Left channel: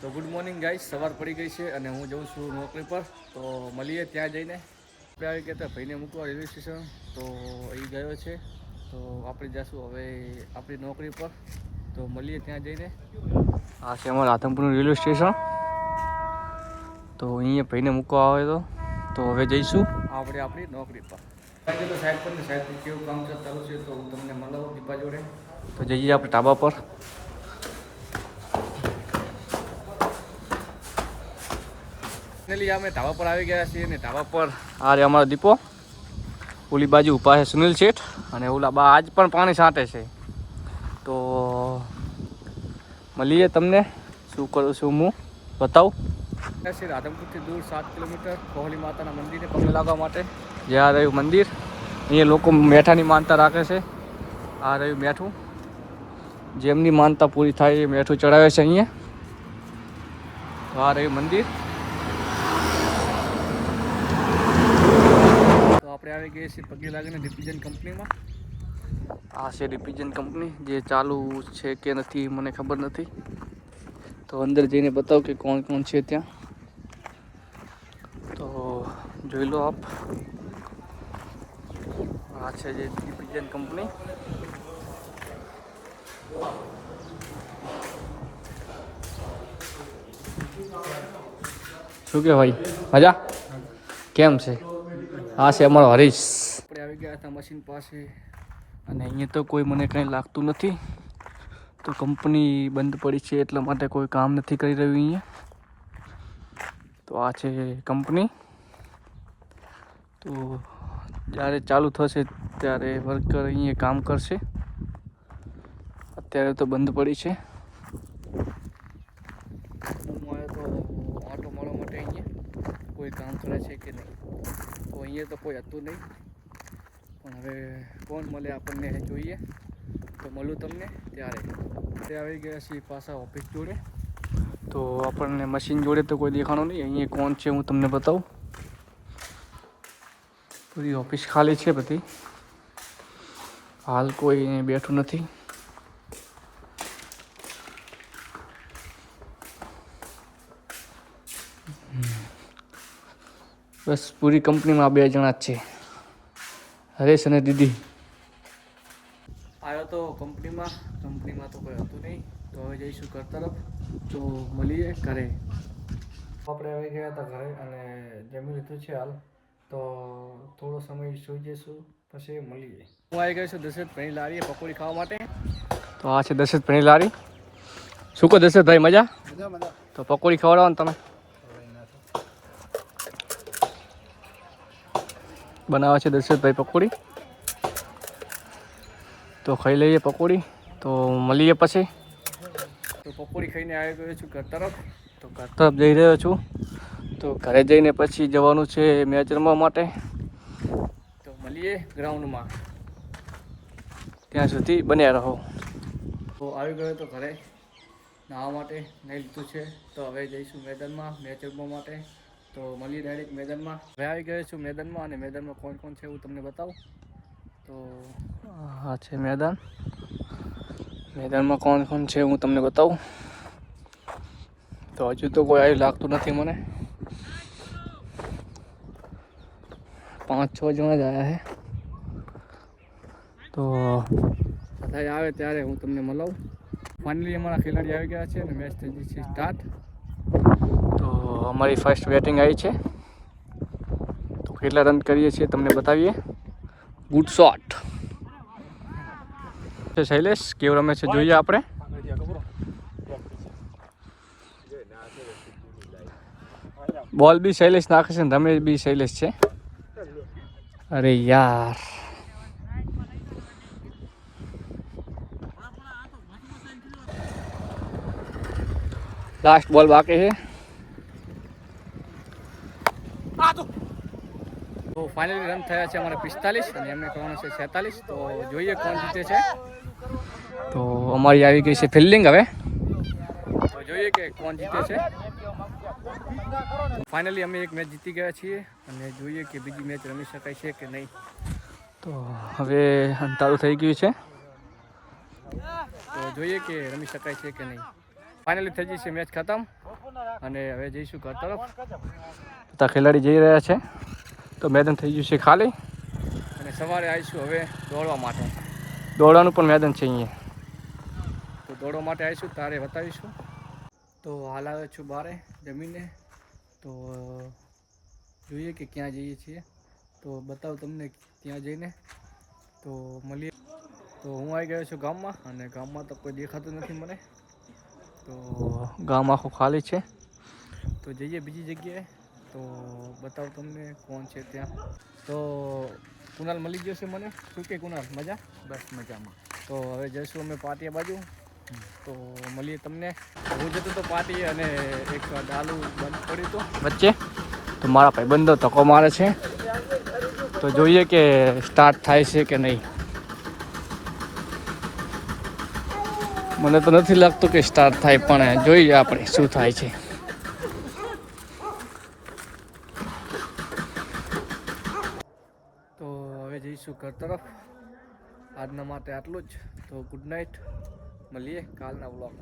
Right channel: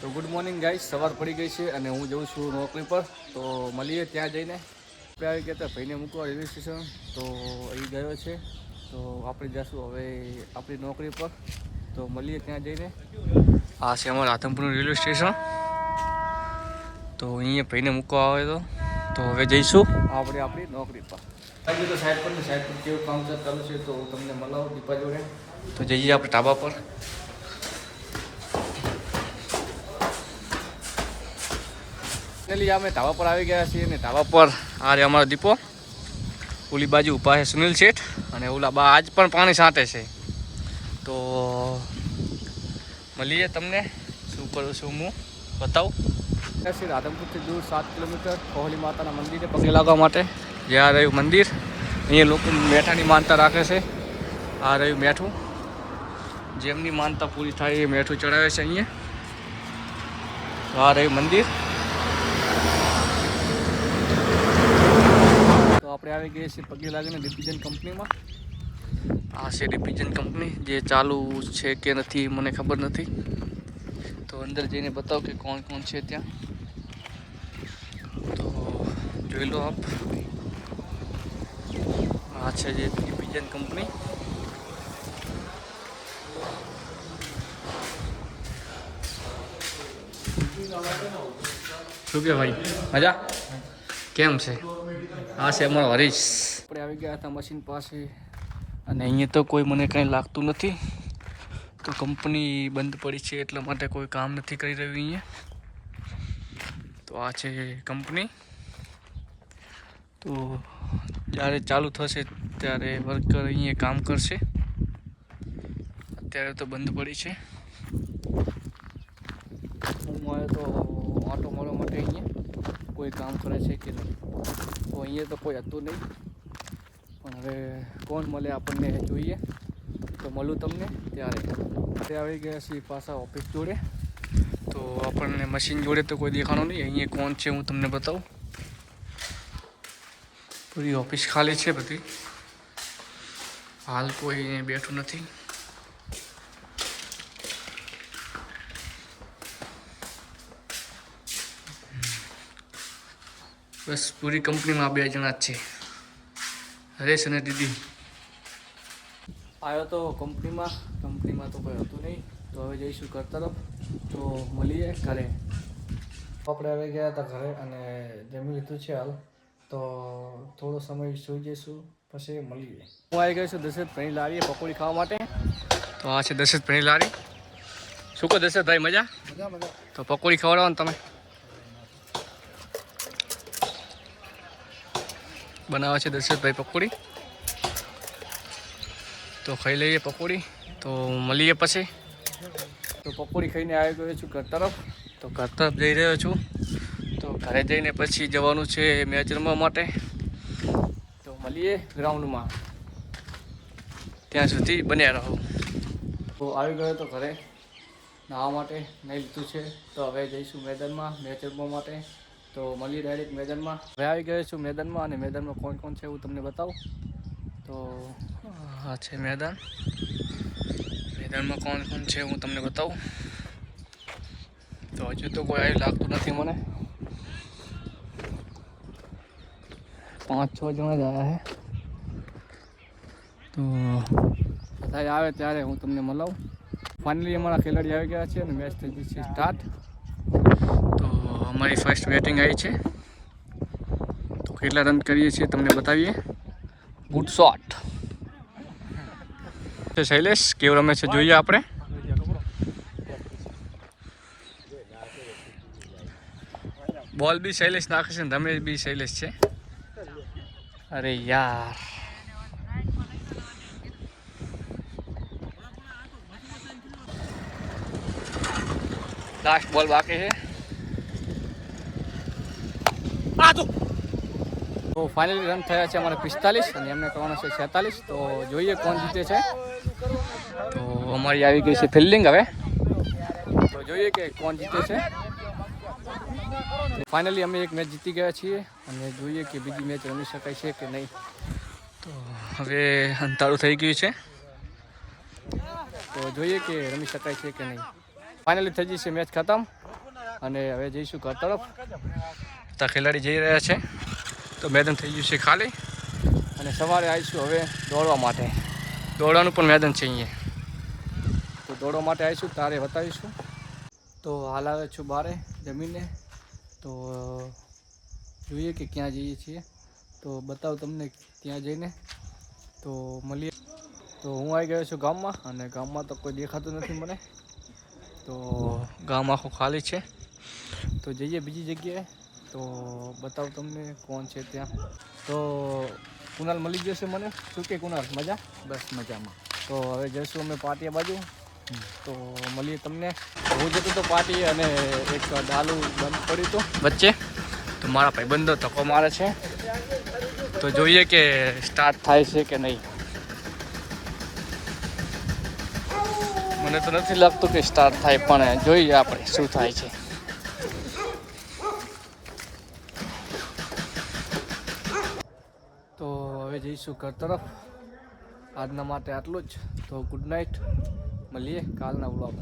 તો good morning guys સવાર પડી ગઈ છે અને હું જઉં છું નોકરી પર. તો મળીએ ત્યાં જઈને. આપણે આવી ગયા હતા ભાઈને મૂકવા રેલવે સ્ટેશન. તો એ ગયો છે. તો આપણે જઈશું હવે આપણી નોકરી પર. તો મળીએ ત્યાં જઈને. આ છે અમારું આતમપુરનું રેલવે સ્ટેશન. તો અહીંયા ભાઈને મૂકવા આવે તો. તો હવે જઈશું આપણે આપણી નોકરી પર. તો સાઈડ પર ને સાઈડ પર કેવું કામ ચાલુ છે તો હું તમને મળાવું દીપા જોડે. તો જઈએ આપણે ટાબા પર. ફાઇનલી અમે ધાબા પર આવી ગયા છીએ અને ધાબા પર આ રે અમારો દીપો. ઓલી બાજુ ઊભા છે સુનિલ શેઠ અને ઓલા બા આજ પણ પાણી સાંટે છે. તો મળીએ તમને. શું કરું છું હું? બતાવું. શ્રી રાધનપુરથી દૂર સાત કિલોમીટર કોહલી માતાના મંદિરે પગે લાગવા માટે જે આ રહ્યું મંદિર. અહીંયા લોકો મેઠાની માનતા રાખે છે. આ રહ્યું મેઠું. જેમની માનતા પૂરી થાય એ મેઠું ચડાવે છે અહીંયા. આ રહ્યું મંદિર. આપણે આવી ગઈએ છીએ પગે લાગીને ડિપિઝન કંપનીમાં. આ છે ડિપિઝન કંપની, જે ચાલુ છે કે નથી મને ખબર નથી. તો અંદર જઈને બતાવો કે કોણ કોણ છે ત્યાં. તો જોઈ લો આપ. આ છે જે ડિપિઝન કંપની. શું કે ભાઈ મજા? કેમ છે? આ છે અમારો હરીશ. આપણે આવી ગયા હતા મશીન પાસે અને અહીંયા તો કોઈ મને કંઈ લાગતું નથી. તો કંપની બંધ પડી છે એટલા માટે કોઈ કામ નથી કરી રહ્યું અહીંયા. તો આ છે કંપની. તો જ્યારે ચાલુ થશે ત્યારે વર્કર અહીંયા કામ કરશે. અત્યારે તો બંધ પડી છે. હું આવ્યો તો ઓટો મળવા માટે અહીંયા કોઈ કામ કરે છે કે નહીં? તો અહીંયા તો કોઈ હતું નહીં. પણ હવે કોણ મળે આપણને જોઈએ. તો મળું તમને ત્યારે. તે આવી ગયા છીએ પાછા ઓફિસ જોડે. તો આપણને મશીન જોડે તો કોઈ દેખાણો નહીં. અહીંયા કોણ છે હું તમને બતાવું. પૂરી ઓફિસ ખાલી છે બધી. હાલ કોઈ અહીંયા બેઠું નથી. બસ પૂરી કંપનીમાં બે જણા જ છે. હરેશ અને દીદી. આવ્યો તો કંપનીમાં કંપનીમાં તો કોઈ હતું નહીં. તો હવે જઈશું ઘર તરફ. તો મળીએ ઘરે. આપણે આવી ગયા હતા ઘરે અને જમી લીધું છે હાલ. તો થોડો સમય સૂઈ જઈશું પછી મળીએ. હું આવી ગયો છું દશરથ ભણી લારીએ પકોડી ખાવા માટે. તો આ છે દશરથ ભણી લારી. શું કહો દશરથભાઈ મજા? મજા મજા. તો પકોડી ખવડાવો ને તમે. બનાવે છે દશરથભાઈ પકોડી. તો ખાઈ લઈએ પકોડી. તો મળીએ પછી. તો પકોડી ખાઈને આવી ગયો છું ઘર તરફ. તો ઘર તરફ જઈ રહ્યો છું. તો ઘરે જઈને પછી જવાનું છે મેચ રમવા માટે. તો મળીએ ગ્રાઉન્ડમાં. ત્યાં સુધી બન્યા રહો. તો આવી ગયો તો ઘરે. નાહવા માટે નહીં લીધું છે. તો હવે જઈશું મેદાનમાં મેચ રમવા માટે. તો મળીએ ડાયરેક્ટ મેદાનમાં. હવે આવી ગયો છું મેદાનમાં અને મેદાનમાં કોણ કોણ છે એવું તમને બતાવું. તો આ છે મેદાન. મેદાનમાં કોણ કોણ છે હું તમને બતાવું. તો હજુ તો કોઈ આવ્યું લાગતું નથી મને. પાંચ છ જણા જ આવ્યા છે. તો બધા આવે ત્યારે હું તમને મળાવું. ફાઇનલી અમારા ખેલાડી આવી ગયા છે અને મેચ થઈ ગઈ છે સ્ટાર્ટ અમારી ફર્સ્ટ બેટિંગ આવી છે. તો કેટલા રન કરીએ છીએ તમને બતાવીએ. ગુડ શોટ શૈલેષ, કેવું રમે છે જોઈએ આપણે. બોલ બી શૈલેષ નાખે છે રમે બી શૈલેષ છે. અરે યાર. લાસ્ટ બોલ બાકી છે. તો ફાઇનલી રન થયા છે અમારે પિસ્તાલીસ અને એમને કરવાનો છે છેતાલીસ. તો જોઈએ કોણ જીતે છે. તો અમારી આવી ગઈ છે ફિલ્ડિંગ હવે. તો જોઈએ કે કોણ જીતે છે. ફાઇનલી અમે એક મેચ જીતી ગયા છીએ અને જોઈએ કે બીજી મેચ રમી શકાય છે કે નહીં. તો હવે અંધારું થઈ ગયું છે. તો જોઈએ કે રમી શકાય છે કે નહીં. ફાઇનલી થઈ જશે મેચ ખતમ. અને હવે જઈશું ઘર તરફ. બધા ખેલાડી જઈ રહ્યા છે. તો મેદાન થઈ ગયું છે ખાલી. અને સવારે આવીશું હવે દોડવા માટે. દોડવાનું પણ મેદાન છે અહીંયા. તો દોડવા માટે આવીશું તારે બતાવીશું. તો હાલ આવે છું બારે જમીને. તો જોઈએ કે ક્યાં જઈએ છીએ. તો બતાવું તમને ત્યાં જઈને. તો મળીએ. તો હું આવી ગયો છું ગામમાં અને ગામમાં તો કોઈ દેખાતું નથી મને. તો ગામ આખું ખાલી છે. તો જઈએ બીજી જગ્યાએ. તો બતાવું તમને કોણ છે ત્યાં? તો કુનાલ મળી ગયો છે મને. શું કે કુનાલ મજા? બસ મજામાં. તો હવે જઈશું અમે પાટીયા બાજુ. તો મળીએ તમને. હું જતો તો પાટી અને એક ડાલુ બંધ પડ્યું હતું. વચ્ચે? તો મારા ભાઈબંધો ધક્કો મારે છે. તો જોઈએ કે સ્ટાર્ટ થાય છે કે નહીં. મને તો નથી લાગતું કે સ્ટાર્ટ થાય પણ જોઈએ આપણે શું થાય છે તો હવે જઈશું ઘર તરફ. આજના માટે આટલું જ. તો ગુડ નાઇટ. મળીએ કાલના વ્લોગ